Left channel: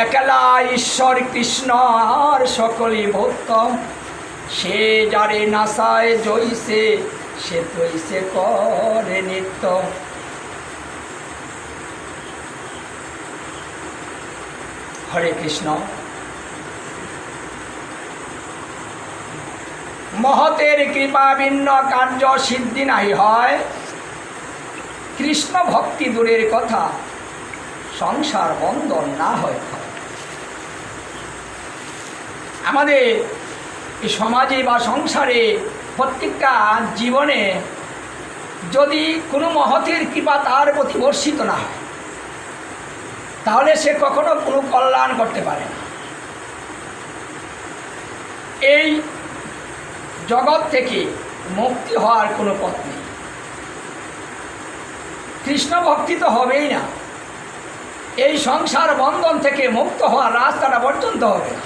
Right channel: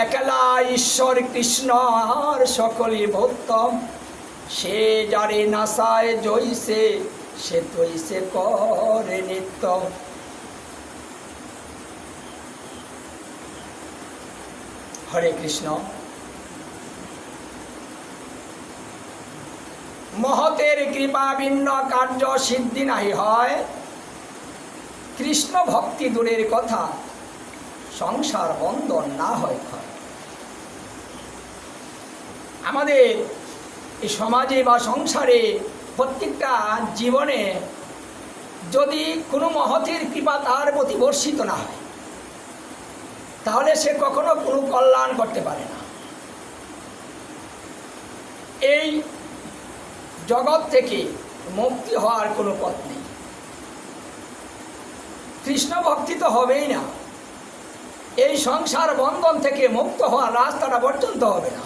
একলা ঈশ্বর কৃষ্ণ আর সকলই ভক্ত, সে যারে নাসায় জইছে সে তৈছে করে নিত্য। হরে কৃষ্ণ। মহতের কৃপা ভিন্ন কার্য সিদ্ধি নাই হয়, কৃষ্ণ ভক্তি দূরের কথা সংসার বন্ধন না হয়। আমাদের এই সমাজে বা সংসারে প্রত্যেকটা জীবনে যদি কোনো মহতের কৃপা তার প্রতি বর্ষিত না হয়, তাহলে সে কখনো কোনো কল্যাণ করতে পারে না। এই জগৎ থেকে মুক্তি হওয়ার কোনো পথ নেই। কৃষ্ণ ভক্তি তো হবেই না, এই সংসার বন্ধন থেকে মুক্ত হওয়ার রাস্তাটা পর্যন্ত হবে না।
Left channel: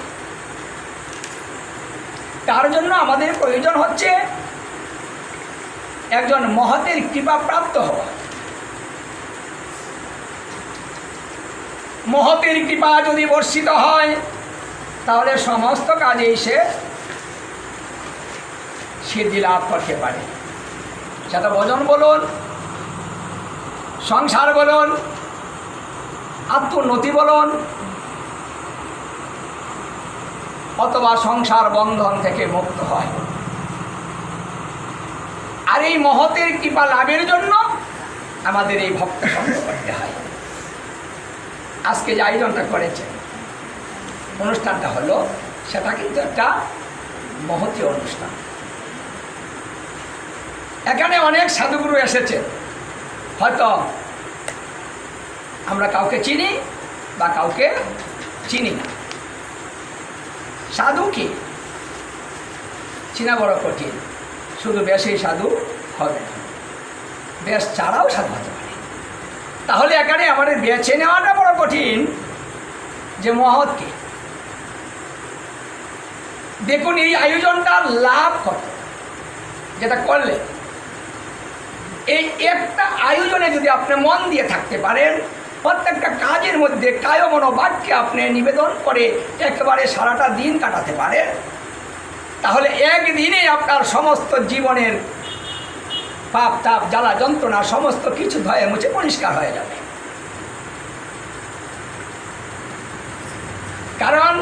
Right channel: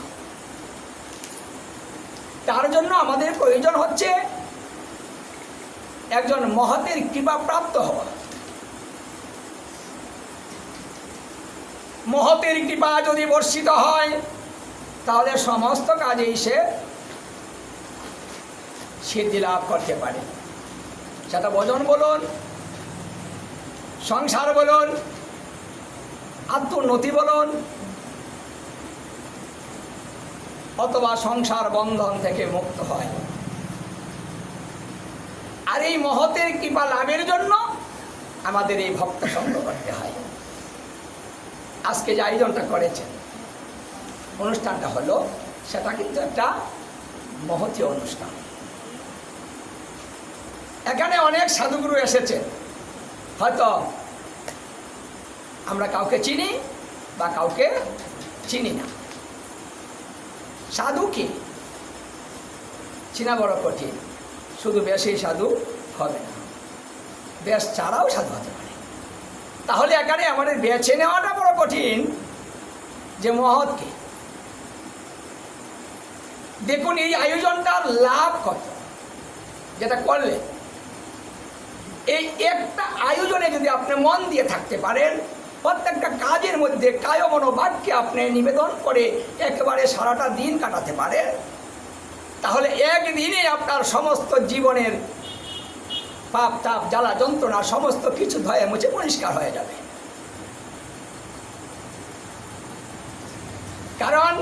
তার জন্য আমাদের প্রয়োজন হচ্ছে একজন মহতের কৃপা প্রাপ্ত হওয়া। মহতের কৃপা যদি বর্ষিত হয় তাহলে সমস্ত কাজেই সে সিদ্ধি লাভ করতে পারে। সেটা ভজন বলুন, সংসার বলুন, আত্মোন্নতি বলুন, অথবা সংসার বন্ধন থেকে মুক্ত হয়। আর এই মহতের কৃপা লাভের জন্য আমাদের এই ভক্ত সঙ্গ করতে হয়। আজকে যে আয়োজনটা করেছেন, অনুষ্ঠানটা হলো, সেটা কিন্তু একটা মহতী অনুষ্ঠান। এখানে অনেক সাধুগুরু এসেছে, হয়তো আমরা কাউকে চিনি বা কাউকে চিনি না। সাধু কি চিনা বড় কঠিন, শুধু বেশেই সাধু হবে না, বেশ ছাড়াও সাধু হতে পারে। তাহলে এখানে আমাদের বেছে নেওয়াটা বড় কঠিন যে মহৎ কি। দেখুন এই আয়োজনটার লাভ কত, যেটা করলে এই একটা আয়োজনে যদি আপনি মন দিয়ে থাকতে পারেন, প্রত্যেকটা কাজের মধ্যে কায় মনোবাক্যে আপনি নিবেদন করে একেবারে সারাটা দিন কাটাতে পারেন, তাহলে একদিনে আপনার সমস্ত জীবনের পাপ তাপ জ্বালা যন্ত্রণা সমস্ত কিছু ধয়ে মুছে পরিষ্কার হয়ে যাবে। কারণ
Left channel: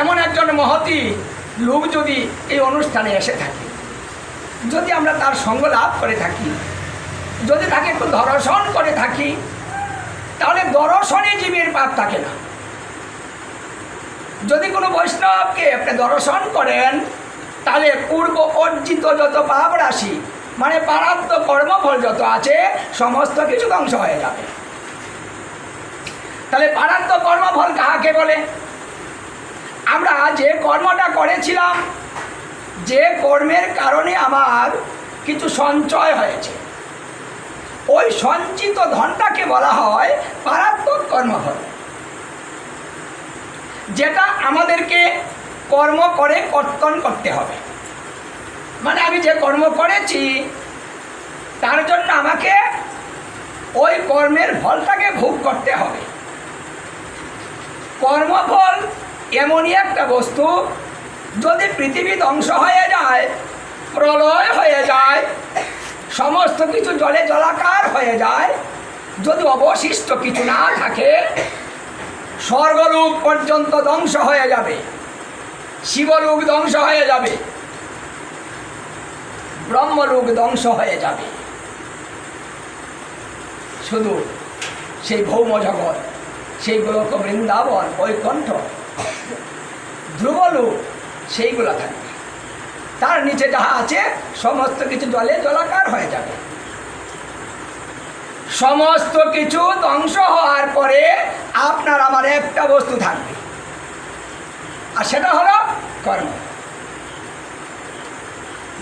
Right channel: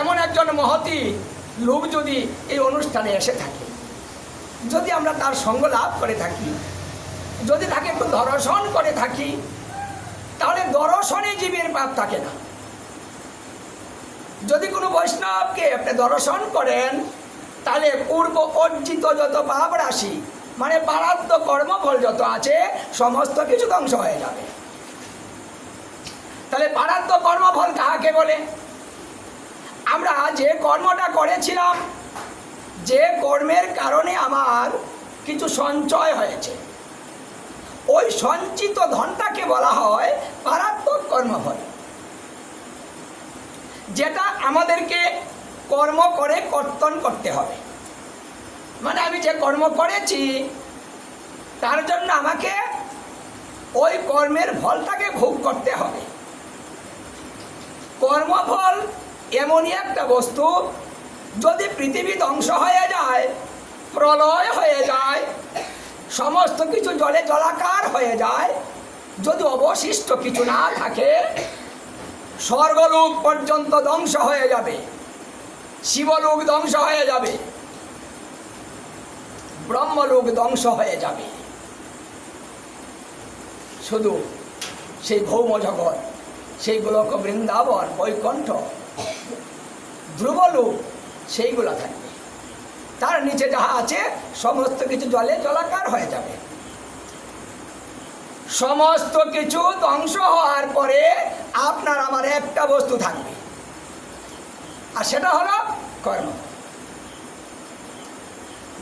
এমন একজন মহতী লোক যদি এই অনুষ্ঠানে এসে থাকে, যদি আমরা তার সঙ্গ লাভ করে থাকি, যদি তাকে একটু দর্শন করে থাকি, তাহলে দর্শনে জীবের পাপ থাকে না। যদি কোনো বৈষ্ণবকে আপনি দর্শন করেন, তাহলে পূর্ব অর্জিত যত পাপ রাশি মানে প্রারব্ধ কর্মফল যত আছে সমস্ত কিছু ধ্বংস হয়ে যাবে। তাহলে প্রারব্ধ কর্মফল কাকে বলে? আমরা যে কর্মটা করেছিলাম, যে কর্মের কারণে আমার কিছু সঞ্চয় হয়েছে, ওই সঞ্চিত ধনটাকে বলা হয় প্রারব্ধ কর্মফল, যেটা আমাদেরকে কর্ম করে কর্তন করতে হবে। মানে আমি যে কর্ম করেছি তার জন্য আমাকে ওই কর্মের ফলটাকে ভোগ করতে হবে। কর্মফল এমনই একটা বস্তু, যদি পৃথিবী ধ্বংস হয়ে যায়, প্রলয় হয়ে যায়, সমস্ত কিছু জলে জলাকার হয়ে যায়, যদি অবশিষ্ট কিছু না থাকে, স্বর্গলোক পর্যন্ত ধ্বংস হয়ে যাবে, শিবলোক ধ্বংস হয়ে যাবে, ব্রহ্মলোক ধ্বংস হয়ে যাবে, শুধু সেই ভৌম জগৎ, সেই গোলক বৃন্দাবন, বৈকুণ্ঠ, ধ্রুবলোক সেইগুলো থাকবে। তার নিচে যাহা আছে সমস্ত কিছু জলে জলাকার হয়ে যাবে। সমস্ত কিছু ধ্বংস হওয়ার পরে আপনার আমার একটা বস্তু থাকবে, আর সেটা হলো কর্ম।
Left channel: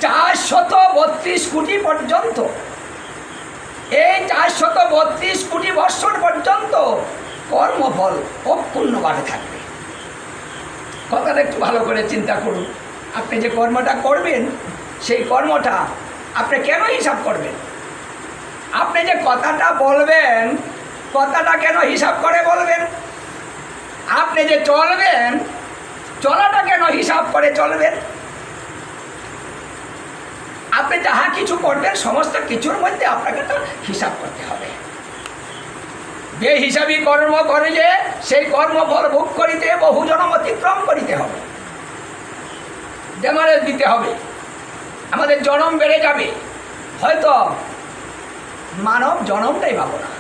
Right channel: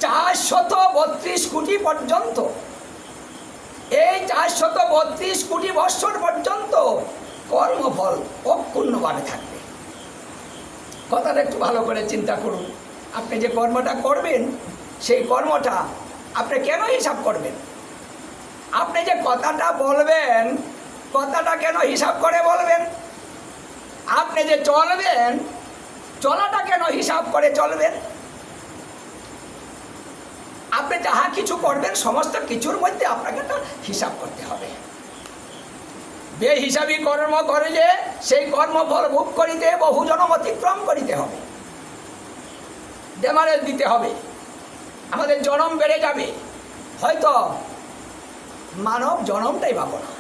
432 কোটি পর্যন্ত, এই 432 কোটি বৎসর পর্যন্ত কর্মফল অক্ষুণ্ণভাবে থাকবে। কথাটা একটু ভালো করে চিন্তা করুন। আপনি যে কর্মটা করবেন, সেই কর্মটা আপনি কেন হিসাব করবেন? আপনি যে কথাটা বলবেন, কথাটা কেন হিসাব করে বলবেন? আপনি যে চলবেন, চলাটা কেন হিসাব করে চলবেন? আপনি যাহা কিছু করবেন সমস্ত কিছুর মধ্যে আপনাকে তো হিসাব করতে হবে। বেহিসাবী কর্ম করিলে সেই কর্মফল ভোগ করিতে বহু জনম অতিক্রম করিতে হবে, ডেমারেজ দিতে হবে, আমাদের জনম বেড়ে যাবে। হয়তো মানব জনমটাই পাবো না।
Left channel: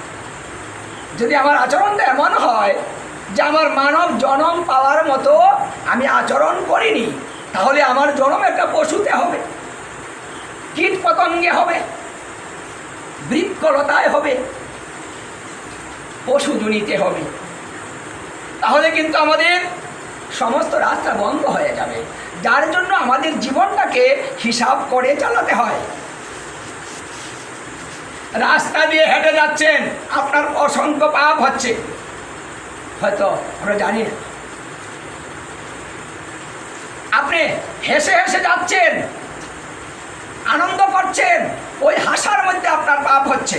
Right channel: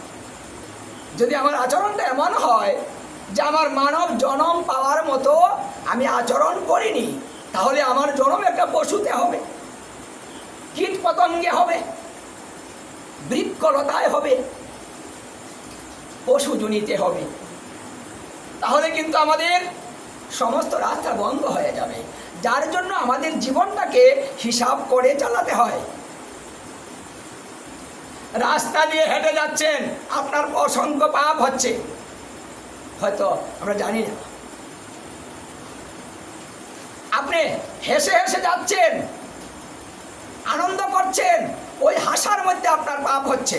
যদি আমার আচরণটা এমন হয় যে আমার মানব জনম পাওয়ার মতো আমি আচরণ করিনি, তাহলে আমার জনম একটা পশুতে হবে, কীট পতঙ্গে হবে, বৃক্ষলতায় হবে, পশুজনিতে হবে। তাহলে কিন্তু আমাদের সমস্ত রাস্তা বন্ধ হয়ে যাবে, যার জন্য আমাদের জীবনটাকে হিসাব করে চালাতে হয়। রাস্তা দিয়ে হেঁটে যাচ্ছেন, আপনার অসংখ্য পাপ হচ্ছে, হয়তো আমরা জানি না। আপনি হেসে হেসে যাচ্ছেন, আনন্দ করছেন, ওই হাসার মধ্যে আপনার পাপ হচ্ছে।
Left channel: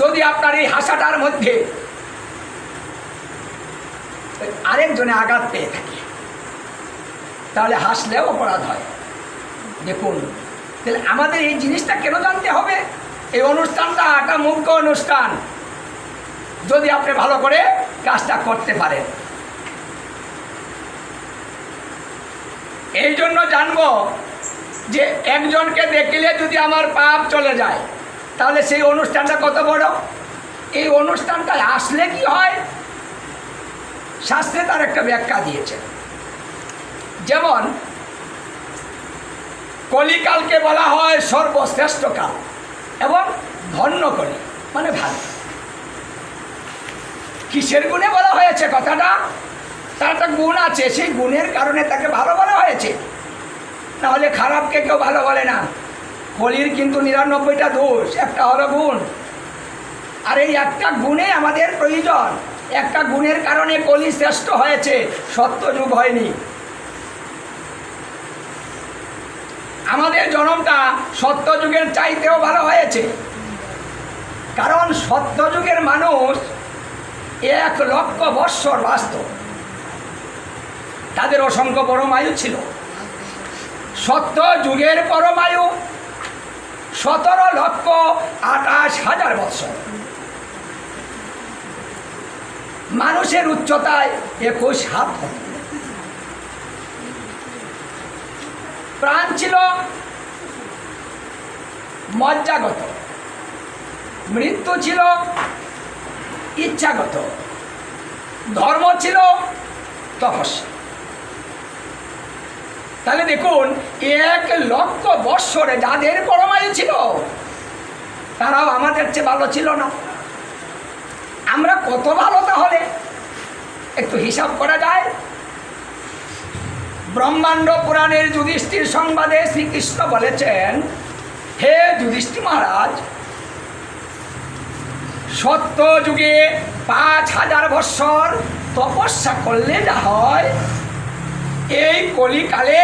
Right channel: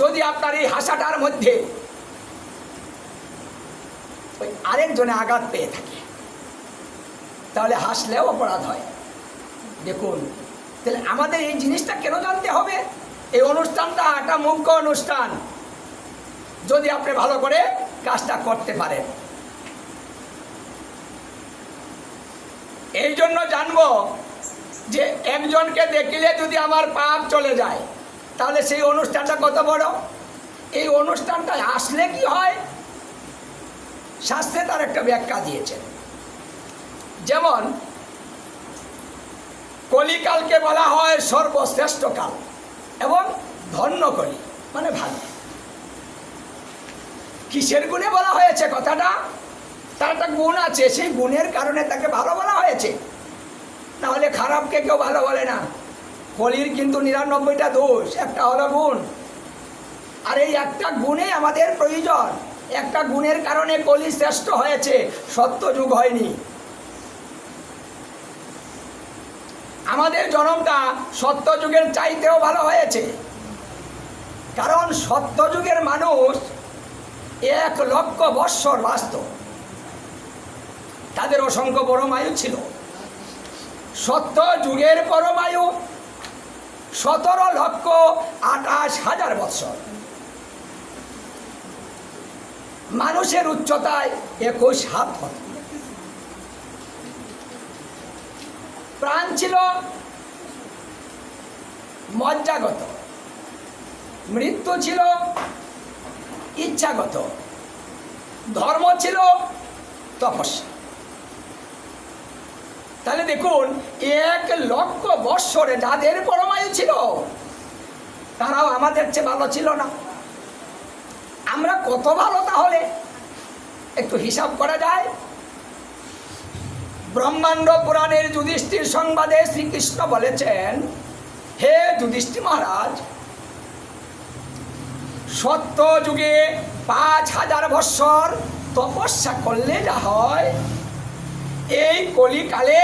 যদি আপনার এই হাসাটার মধ্যে আরেকজনে আঘাত পেয়ে থাকে, তাহলে হাসলেও অপরাধ হয়। দেখুন, তাহলে আমাদের এই জিনিসটা কেন জানতে হবে? এই অনুষ্ঠানটা একটা মুখ্য অনুষ্ঠান, যদি আপনি ভালো করে কাজটা করতে পারেন। এই জন্য জানবো যে একজনকে দেখলে যদি আমার পাপ চলে যায়, তাহলে সেই অনুষ্ঠানটা কত বড়। এই অনুষ্ঠানটা আসলে কি হয়, শাস্ত্রে তার একটা ব্যাখ্যা দিয়েছে। যেমন কলিকালকে বলা হয় সর্বশ্রেষ্ঠ কাল এবং ধন্য কলি, মানে ভালো। কিসের গুণে বলা হয়েছে কথাটা? তার একটা গুণ আছে, সেই গুণের কারণে তাকে ভালো বলা হয়েছে, নাহলে খারাপকে কেউ ভালো বলে না। কলির কিন্তু 99টা দোষ, একটা হলো গুণ। আর এই একটা গুণে আমাদের প্রয়োজন, একটা গুণের কারণে কলি শ্রেষ্ঠ হয়েছে, সত্যযুগ হয়নি। আমাদের জনমটা সত্যযুগের চাইতেও ভালো হয়েছে, কারণ সত্যযুগের মানুষ 1 লক্ষ বৎসর বাঁচত, তাদের অসংখ্য পরমায়ু ছিল। সত্যযুগের পরমায়ু 17,28,000 বৎসর। মানুষের উচ্চতায় 21 হাত হত। প্রাণ ছিল মজ্জাগত, মৃত্যু ছিল ইচ্ছাগত, ধর্ম ছিল তপস্যা। তাহলে দেখুন, 1 লক্ষ বৎসরে যাদের পরমায়ু ছিল, তারাও আমাদের চেয়ে ভালো ছিল না। আমরা কত ভালো তাহলে একটু হিসাব করা যায়। ব্রহ্মাণ্ড পুরাণের যুধিষ্ঠির সংবাদে শ্রীকৃষ্ণ বলেছেন, হে যুধিষ্ঠির মহারাজ, সত্য যুগে 5000 বৎসর তপস্যা করলে যা হয়, এই কলিকালে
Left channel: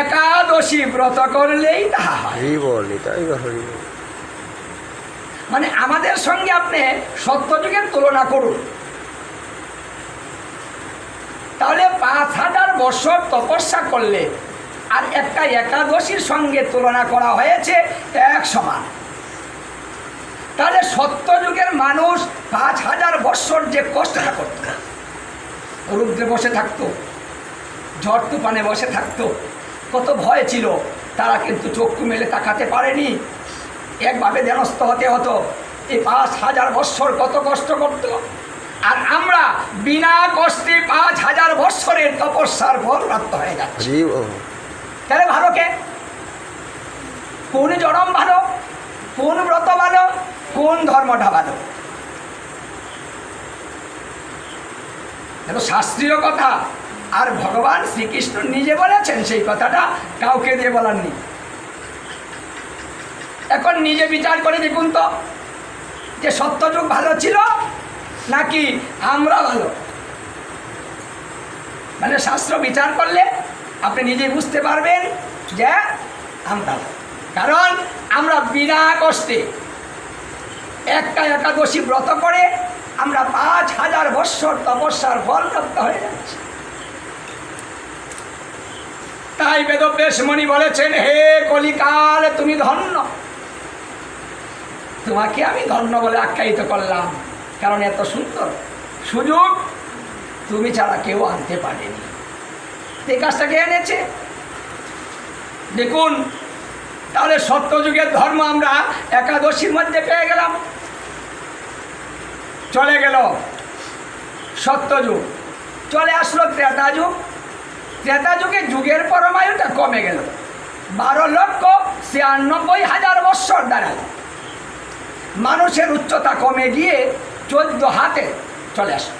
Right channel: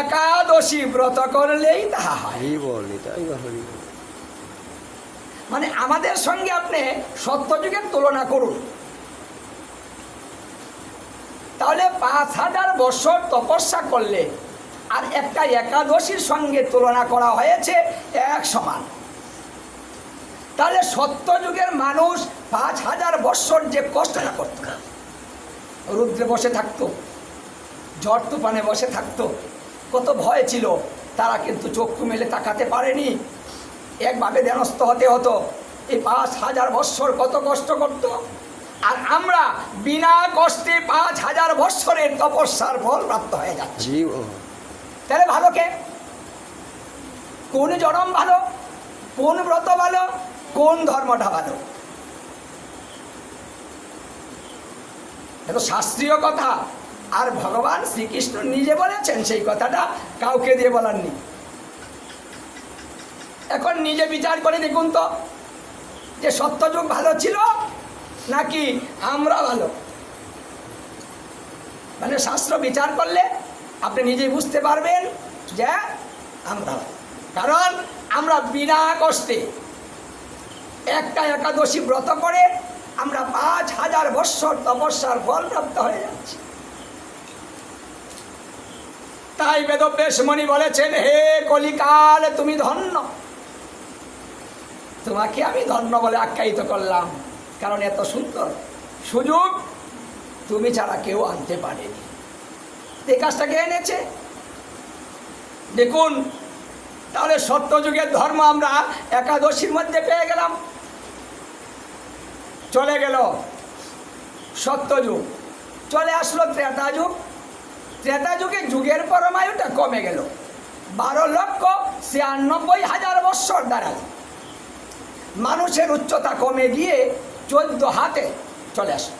একাদশী ব্রত করলেই তাহা হয়। মানে আমাদের সঙ্গে আপনি সত্যযুগের তুলনা করুন, তাহলে 5000 বছর তপস্যা করলে আর একটা একাদশীর সঙ্গে তুলনা করা হয়েছে 1 সমান। তাহলে সত্যযুগের মানুষ 5000 বছর যে কষ্টটা করত, রুদ্রে বসে থাকতো, ঝড় তুফানে বসে থাকতো, কত ভয় ছিল, তারা কিন্তু চক্ষু মেলে তাকাতে পারেনি, একভাবে ধ্যানস্থ হতে হতো। এই 5000 বৎসর কত কষ্ট করত, আর আমরা বিনা কষ্টে 5000 বৎসরের তপস্যার ফল প্রাপ্ত হয়ে যাচ্ছি। তাহলে ভালো কে? কোন জনম ভালো, কোন ব্রত ভালো, কোন ধর্মটা ভালো? দেখো, শাস্ত্রীয় কথা, আর ভগবান শ্রীকৃষ্ণ নিজে বলেছেন, সেই কথাটা কাউকে দিয়ে বলাননি। এখন নিজে বিচার করে দেখুন তো, যে সত্যযুগ ভালো ছিল নাকি আমরা ভালো। মানে শাস্ত্র বিচার করলে আপনি নিজেই বুঝতে পারবেন যে আমরা, কারণ আমরা বিনা কষ্টে একটা একাদশী ব্রত করে আমরা 5000 বৎসর তপস্যার ফল প্রাপ্ত হয়ে যাচ্ছি। তাই বেদব্যাস মুনি বলেছেন, হে কলিকাল তুমি ধন্য। তোমাকে আমি ধন্য বলে আখ্যায়িত করলাম, কারণ এত সুন্দর সুযোগ তুমি ছাড়া কেউ আনতে পারেনি। এই কাজটাকে এনেছে। দেখুন, তাহলে সত্যযুগের ধর্ম আমরা একাদশীর মধ্যে পেয়ে গেলাম। চলে গেল সত্যযুগ, চলে আসলো ত্রেতা যুগ। ত্রেতা যুগে যুগের পরমায়ুটা কমে গেল, 12,96,000 বৎসর দাঁড়ালো। মানুষের উচ্চতা কমে গিয়ে 14 হাতে চলে আসলো।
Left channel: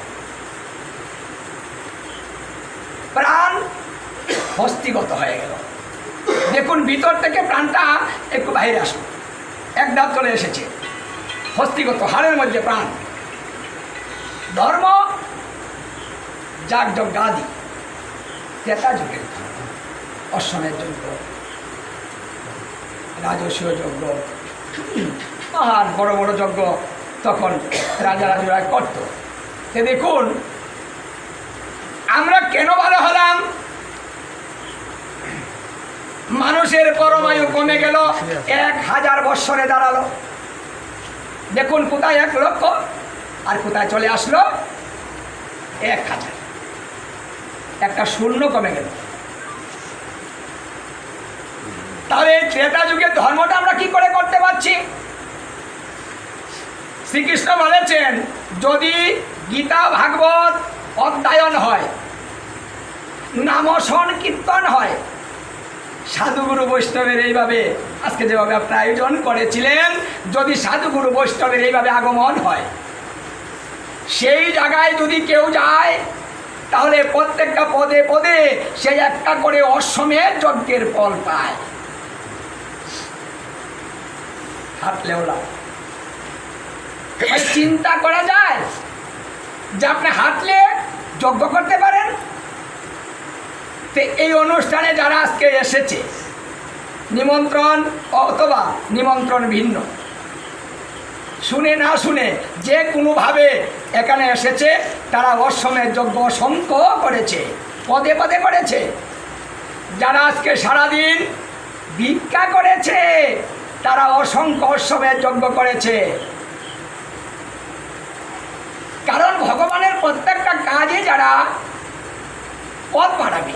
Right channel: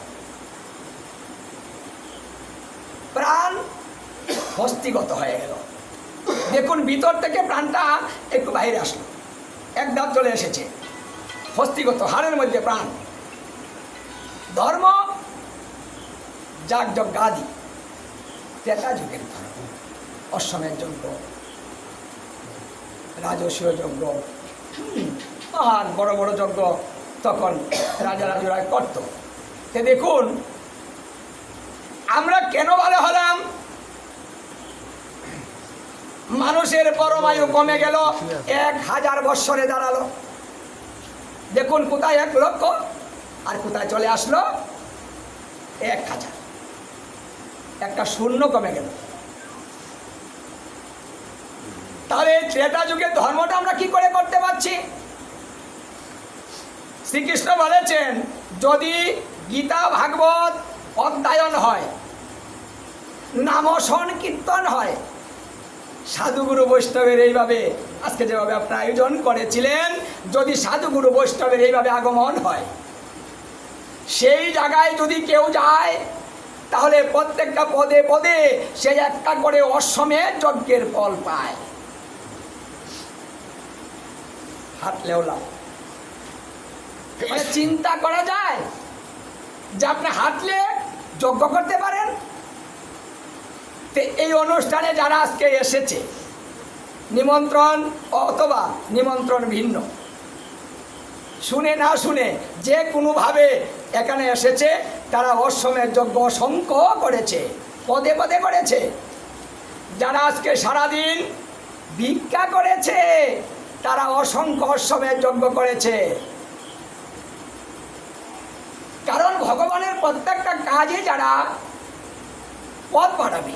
প্রাণ হস্তিগত হয়ে গেল। দেখুন, ভিতর থেকে প্রাণটা একটু বাইরে আসলো, এক ধাপ চলে এসেছে, হস্তিগত, হাড়ের মধ্যে প্রাণ। ধর্ম যাগযজ্ঞাদি, ত্রেতা যুগের ধর্ম, অশ্বমেধ যজ্ঞ, রাজস্বীয় যজ্ঞ, মহান বড় বড় যজ্ঞ তখন রাজারা করত। দেখুন, আমরা কেন ভালো হলাম? মানুষের পরমায়ু কমে গেল, 1000 বৎসরে দাঁড়ালো। দেখুন, কোথায় 1 লক্ষ আর কোথায় চলে আসলো 1000। একটা শূন্য কমে গেল। তাহলে ত্রেতা যুগের ধর্মটা আমরা কি করে করতে পারছি? শ্রীকৃষ্ণ বলেছেন, যদি গীতা ভাগবত অধ্যয়ন হয়, নাম সংকীর্তন হয়, সাধুগুরু বৈষ্ণবের এইভাবে আজকে যেভাবে আপনারা আয়োজন করেছিলেন, যদি সাধুগুরু বৈষ্ণবের এইভাবে আগমন হয়, সেই জায়গায় যদি কেউ যায়, তাহলে প্রত্যেকটা পদে পদে সে একটা করে অশ্বমেধ যজ্ঞের ফল পায়। হাঁটলেও লাভ। চিন্তা করা যায় যে আপনি হাঁটলে যজ্ঞ করতে পারেন। তো এই অনুষ্ঠানে যারা আজকে এসেছে, নিমন্ত্রণ অথবা নিমন্ত্রণ ভিন্ন, শুনে না শুনে যে কোনোভাবে এখানে এসেছে, তারা অশ্বমেধ যজ্ঞ অসংখ্য করেছে, পদে পদে করেছে। যারা আজকে সারাদিন ভিক্ষা করেছে, তারা অসংখ্য অশ্বমেধ যজ্ঞ করেছে। কারণ ভগবানের প্রত্যেকটা কাজে যারা পদ বাড়াবে,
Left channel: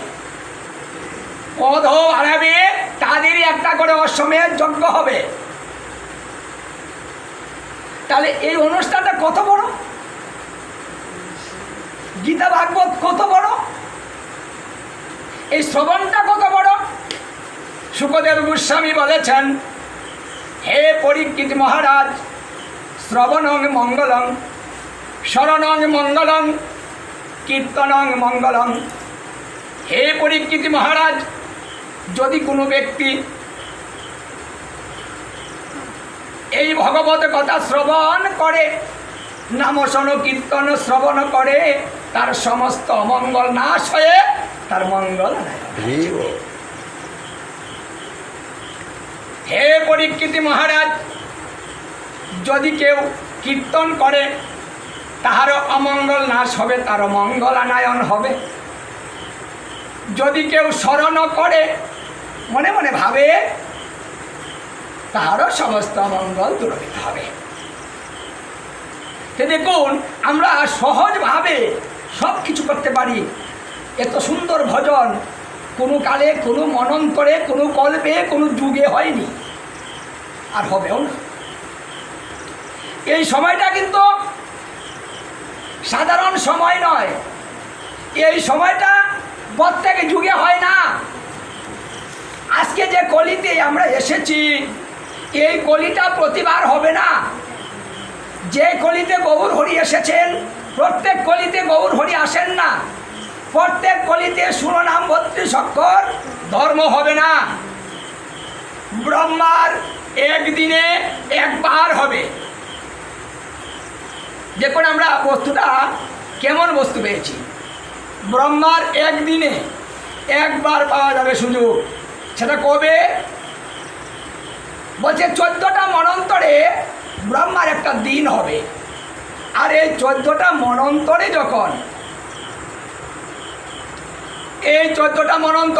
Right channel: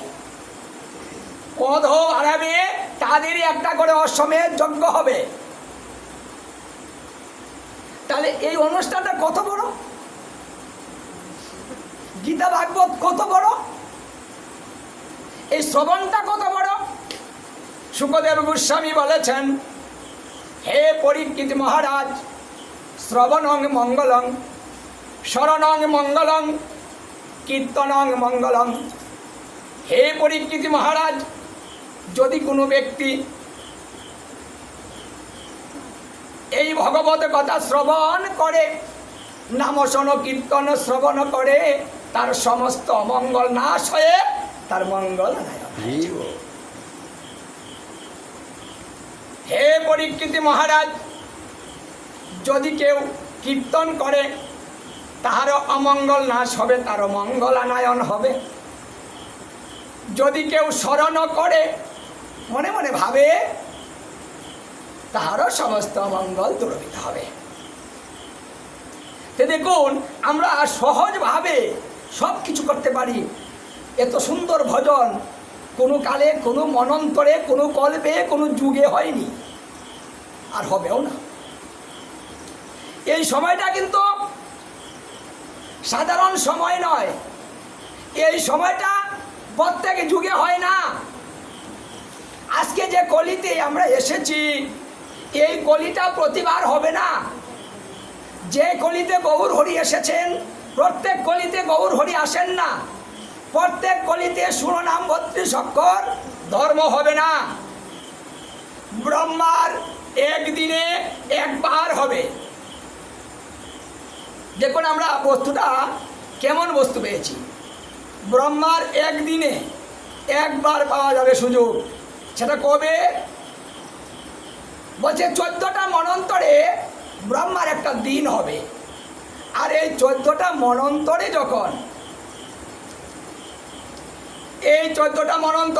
পদও বাড়াবে, তাদেরই একটা করে অশ্বমেধ যজ্ঞ হবে। তাহলে এই অনুষ্ঠানটা কত বড়, গীতা ভাগবত কত বড়, এই শ্রবণটা কত বড়। শুকদেব গোস্বামী বলেছেন, হে পরীক্ষিত মহারাজ, শ্রবণং মঙ্গলং, শরণং মঙ্গলং, কীর্তনং মঙ্গলং। হে পরীক্ষিত মহারাজ, যদি কোনো ব্যক্তি এই ভগবত কথা শ্রবণ করে, নাম কীর্তন শ্রবণ করে, তার সমস্ত অমঙ্গল নাশ হয়ে তার মঙ্গল। হে পরীক্ষিত মহারাজ, যদি কেউ কীর্তন করে, তাহারও অমঙ্গল নাশ হবে, তারও মঙ্গলানায়ন হবে। যদি কেউ স্মরণ করে, মনে মনে ভাবে, তাহারও সমস্ত মঙ্গল দূরীভূত হবে। দেখুন, আমরা সহজভাবে সব কিছু করতে পারি। এত সুন্দর ভজন কোনো কালে, কোনো মনন্তরে, কোনো কল্পে, কোনো যুগে হয়নি, আর হবেও না। এই সময়টা কিন্তু সাধারণ সময় নয়। এই সময়টা প্রত্যেক যুগে হয় না। আজকে যে কলিতে আমরা এসেছি, এই কলিটা প্রতিবার হবে না। যে কলিতে গৌর হরি এসেছেন, প্রত্যেক কলিতে গৌর হরি আসেন না। প্রত্যেক কলিতে শিরোনাম 32 অক্ষর ধর্ম হবে না। ব্রহ্মার একদিনে একবার হবে। দেখুন, আমরা বস্তুটা কেমন বস্তু পেয়েছি। ব্রহ্মার একদিনে একবার পাওয়া যাবে সুযোগ। সেটা কবে? বলছে 14টা মনন্তরে ব্রহ্মার একটা দিন হবে। আর এই 14টা মনন্তরে যখন এই 14টা মনন্তর